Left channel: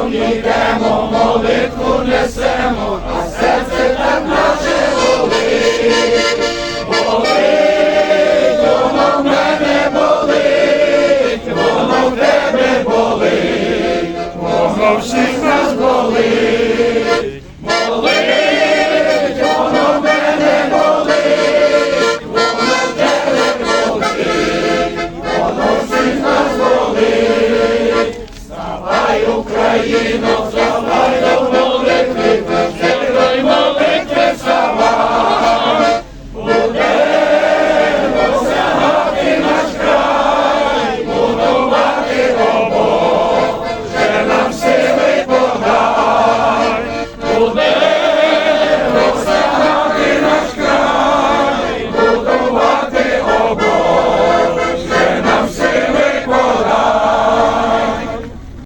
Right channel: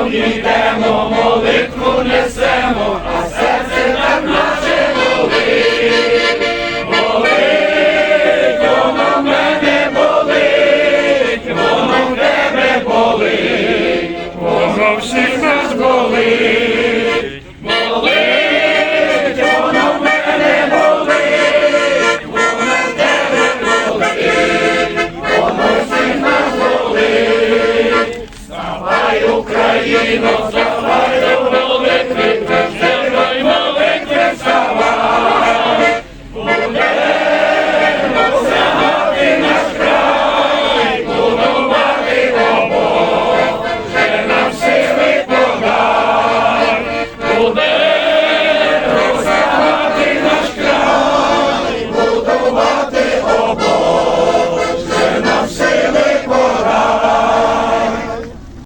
разом йдемо, молитву несемо, а серце так наше болить. Болить, воно в мене болить, воно в тебе болить, воно всіх нас болить. Болить, Вставай, Україно, вставай до молитви, вставай молитви, вставай. Будемо сягати наш край, будувати добро, вже нам сили подай.